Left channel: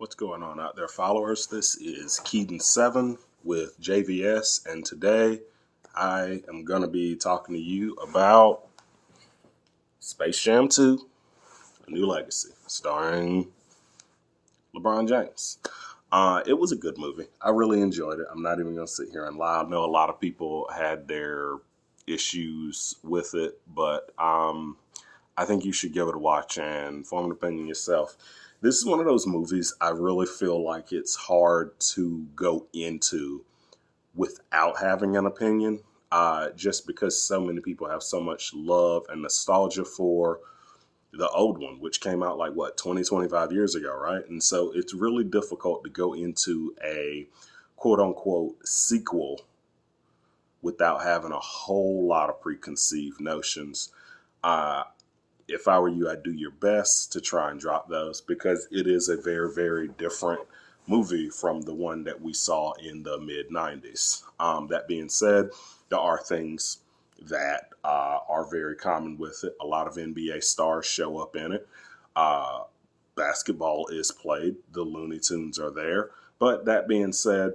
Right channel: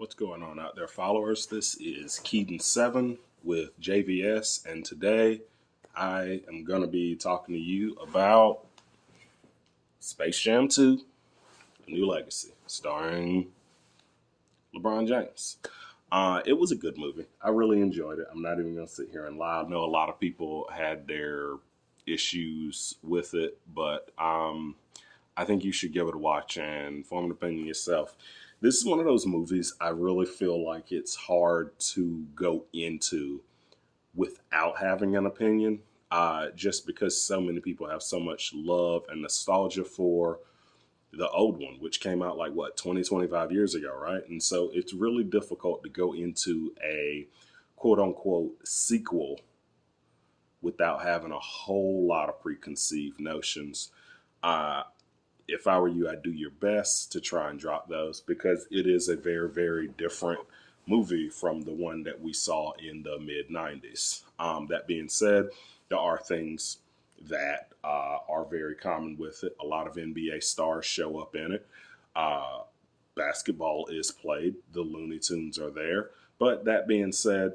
What's going on out there, followers? This is Keaton7 with JVS, and today I am going to be talking to you about Space Jam 2, A New Legacy, starring LeBron James. It was a good movie. I really enjoyed it. I'm not even going to sit here and lie. I know a lot of people had their issues with it, but I think you should give it a watch and form an opinion yourself. This is one of those movies I really feel like it's hard to go into without having an opinion, just because so many people have so much love and nostalgia for the old one, which came out like, 20, 25 years ago, right? And so it's really difficult to go into a quote unquote sequel without having a whole lot of preconceived notions. If I were you, I'd do your best to try and drop those because it is a very, very different movie from the one that we saw in the mid 90s. That being said, there are things that are very common with it. A lot of NBA stars show up in it. Basketball is played. The Looney Tunes are there. But that being said,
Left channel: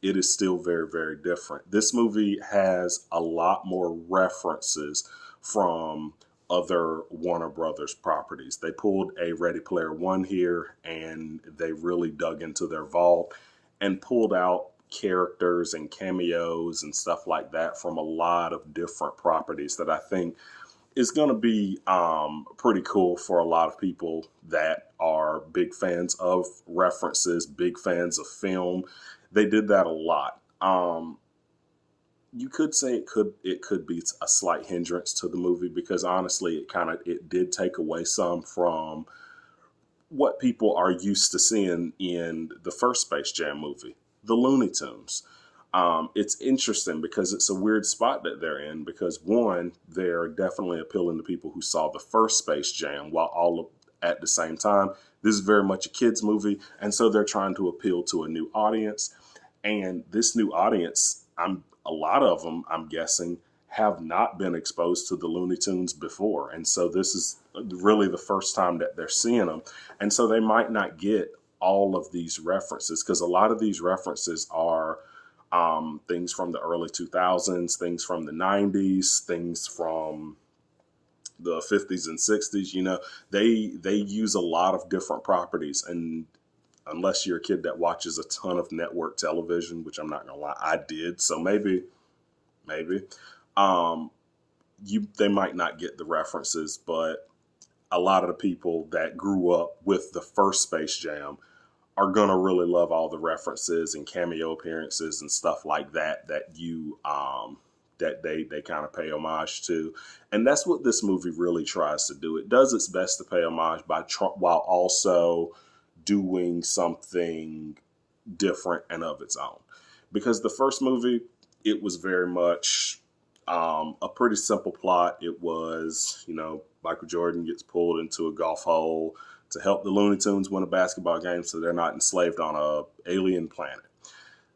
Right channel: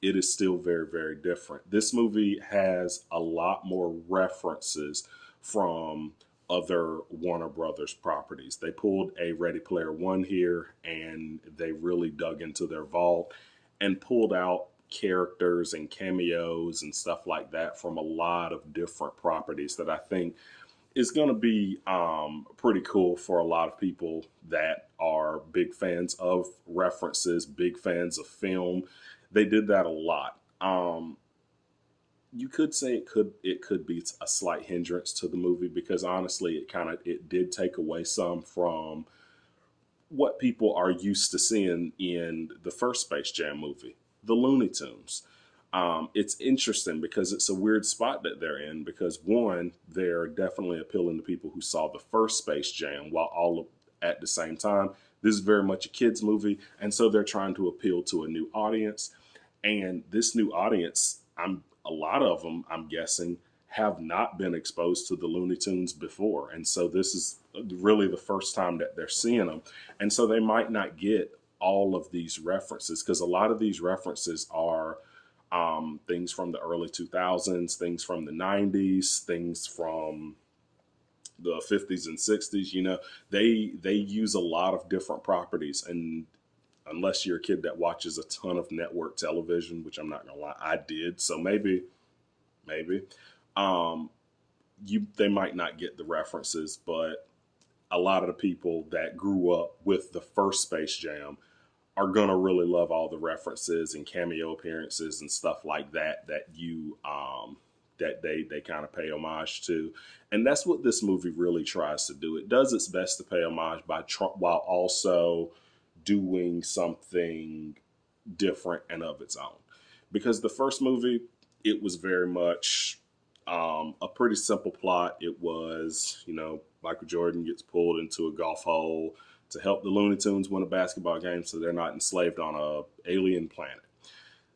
it is still very, very different. This movie has a lot more references from other Warner Brothers properties. They pulled a Ready Player One here and they really dug into their vault and pulled out characters and cameos and stuff like that from a lot of different properties that I think is going to be pretty cool for a lot of people that are big fans of references, big fans of film. They did that a lot. You could say it could be a slight hindrance to the movie because honestly it did take away some from what people are used to seeing in the first Space Jam movie, the Looney Tunes. It's interesting because it's a weird spot that they're in because one, they're definitely appealing to people who saw the first Space Jam while at the same time, this is very much a kids movie, and so they're trying to appeal to a new audience. And this new audience, a lot of them, I'm guessing, have not been exposed to the Looney Tunes before. And so this is really the first time that they're seeing them. And so they might not get all of these references because a lot of these references are things from the early 2000s, things from the 90s, things from the 50s and 60s. You know, they use a lot of different properties, and unless you're a kid that watches a ton of network television, which I'm not gonna lie, I did. So maybe, they might not get the references, but a lot of the people that grew up with the first Space Jam are gonna really love all the references and cameo appearances and stuff like that that they kind of pay homage to. And that's what this movie really tries to do. It does its best to pay homage while also doing something different and of its own. Because the first movie, it was very much a pretty simple plot. It was, Michael Jordan gets pulled into a golf hole to help the Looney Tunes win a basketball game so they're not enslaved on a alien planet.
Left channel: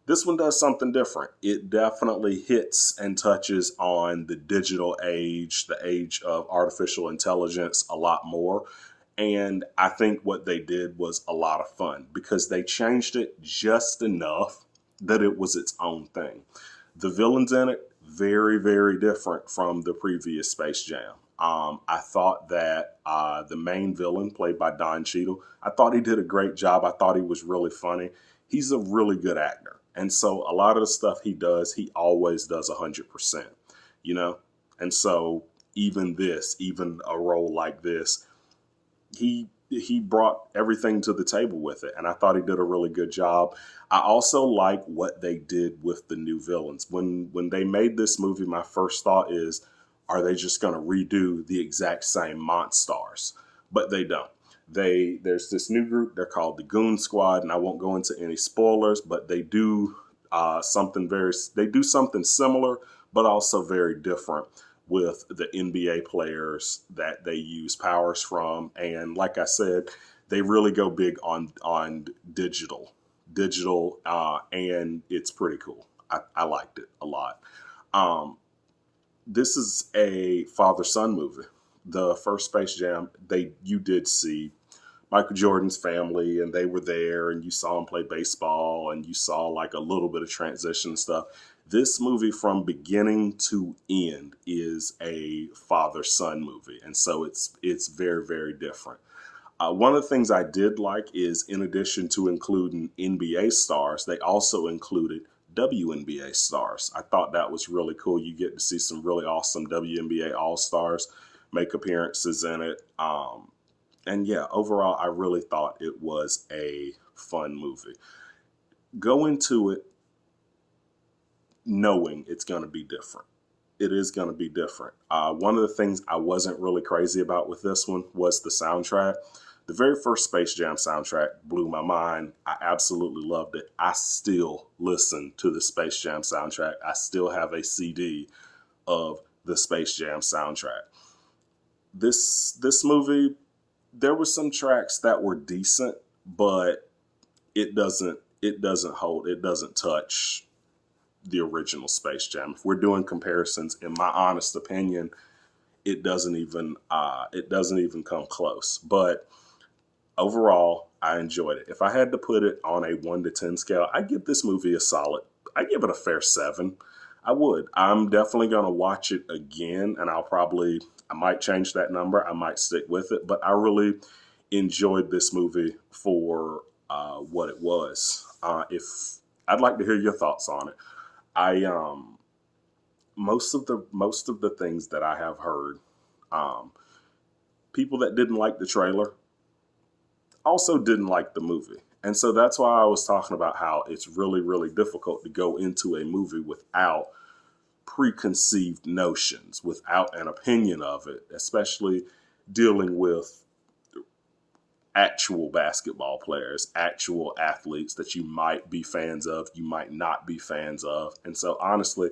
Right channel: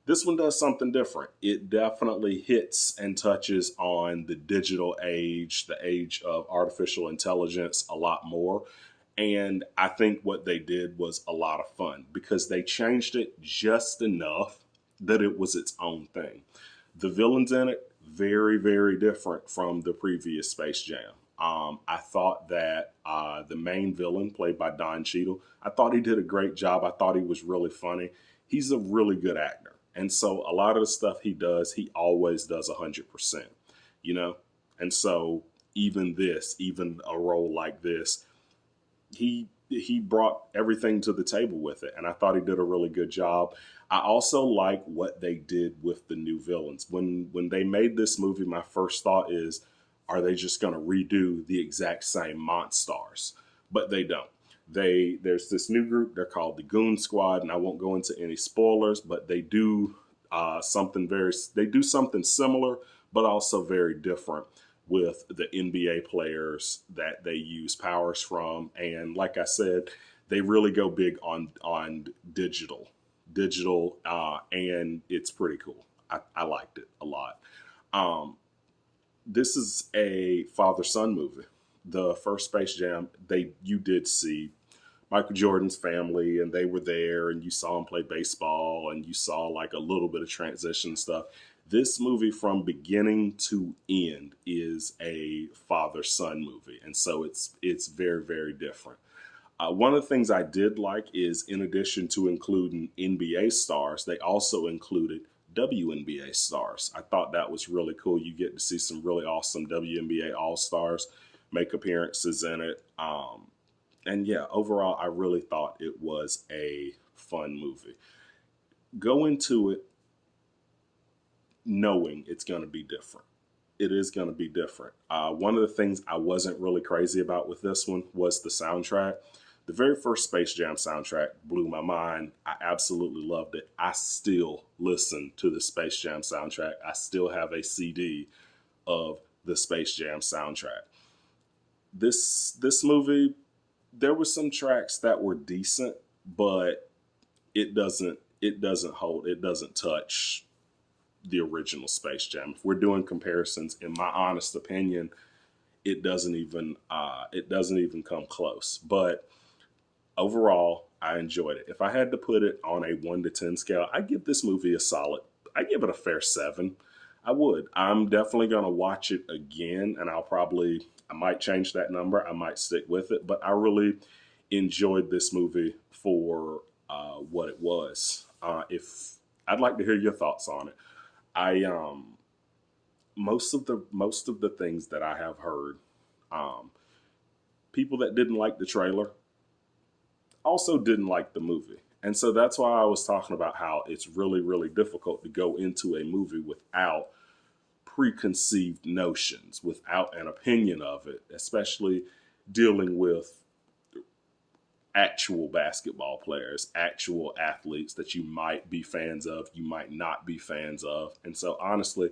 This one does something different. It definitely hits and touches on the digital age, the age of artificial intelligence a lot more. And I think what they did was a lot of fun because they changed it just enough that it was its own thing. The villains in it, very, very different from the previous Space Jam. I thought that the main villain, played by Don Cheadle, I thought he did a great job. I thought he was really funny. He's a really good actor. And so a lot of the stuff he does, he always does 100%, And so even a role like this, he brought everything to the table with it, and I thought he did a really good job. I also like what they did with the new villains. When they made this movie, my first thought is, are they just going to redo the exact same Monstars? But they don't. There's this new group. They're called the Goon Squad, and I won't go into any spoilers, but they do something similar, but also very different with the NBA players that they use powers from. And like I said, they really go big on digital, and it's pretty cool. I liked it a lot. This is a father-son movie. The first Space Jam, you did see Michael Jordan's family, and they were there, and you saw him play baseball, and you saw like a little bit of transition stuff. This movie, from beginning to end, is a father-son movie, and so it's very, very different. One of the things I did like is, in addition to including NBA stars, they also included WNBA stars. I thought that was really cool. You get to see some really awesome WNBA All Stars make appearances in it. And yeah, overall, I really thought it was a fun movie. Go into it knowing it's going to be different. It is going to be different. One of the things I wasn't really crazy about with this one was the soundtrack. The very first Space Jam soundtrack blew my mind. I absolutely loved it. I still listen to the Space Jam soundtrack. I still have a CD of the Space Jam soundtrack. This movie, there were some tracks that were decent, but it doesn't touch the original Space Jam. If we're doing comparisons, in my honest opinion, it doesn't even come close. But overall, I enjoyed it. If I had to put it on a 1 to 10 scale, I give this movie a solid. I give it a fair 7. I would. I'm definitely going to watch it again, and I might change that number. I might stick with it, but I really enjoyed this movie for what it was. If I'd like to hear your thoughts on it. Most of the things that I have heard, people that didn't like the trailer also didn't like the movie. And so that's why I was talking about how it's really, really difficult to go into a movie without preconceived notions, without an opinion of it, especially dealing with actual basketball players, actual athletes that you might be fans of, you might not be fans of. And so honestly,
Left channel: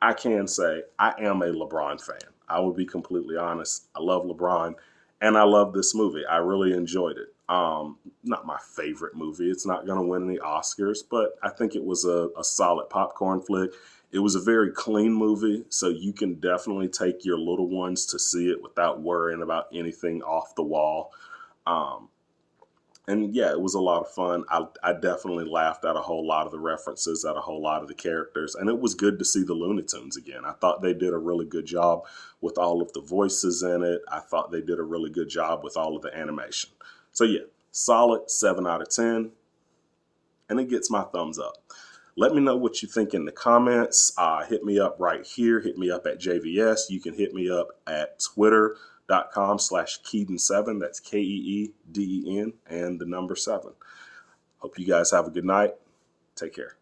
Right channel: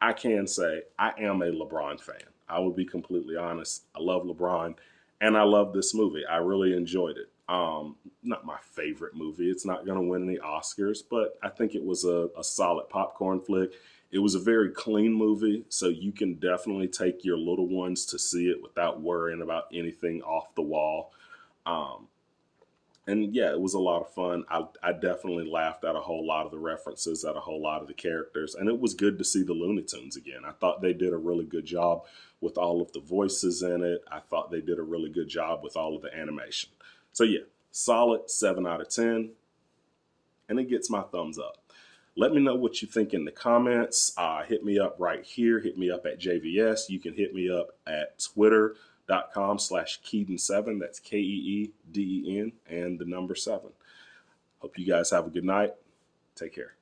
I can say I am a LeBron fan. I will be completely honest. I love LeBron, and I love this movie. I really enjoyed it. Not my favorite movie. It's not going to win any Oscars, but I think it was a solid popcorn flick. It was a very clean movie, so you can definitely take your little ones to see it without worrying about anything off the wall. And yeah, it was a lot of fun. I definitely laughed at a whole lot of the references, at a whole lot of the characters, and it was good to see the Looney Tunes again. I thought they did a really good job with all of the voices in it. I thought they did a really good job with all of the animation. So yeah, solid 7 out of 10, and it gets my thumbs up. Let me know what you think in the comments. Hit me up right here. Hit me up at JVS. You can hit me up at twitter.com/Keeden7. That's KEEDEN and the number 7. Hope you guys have a good night. Take care.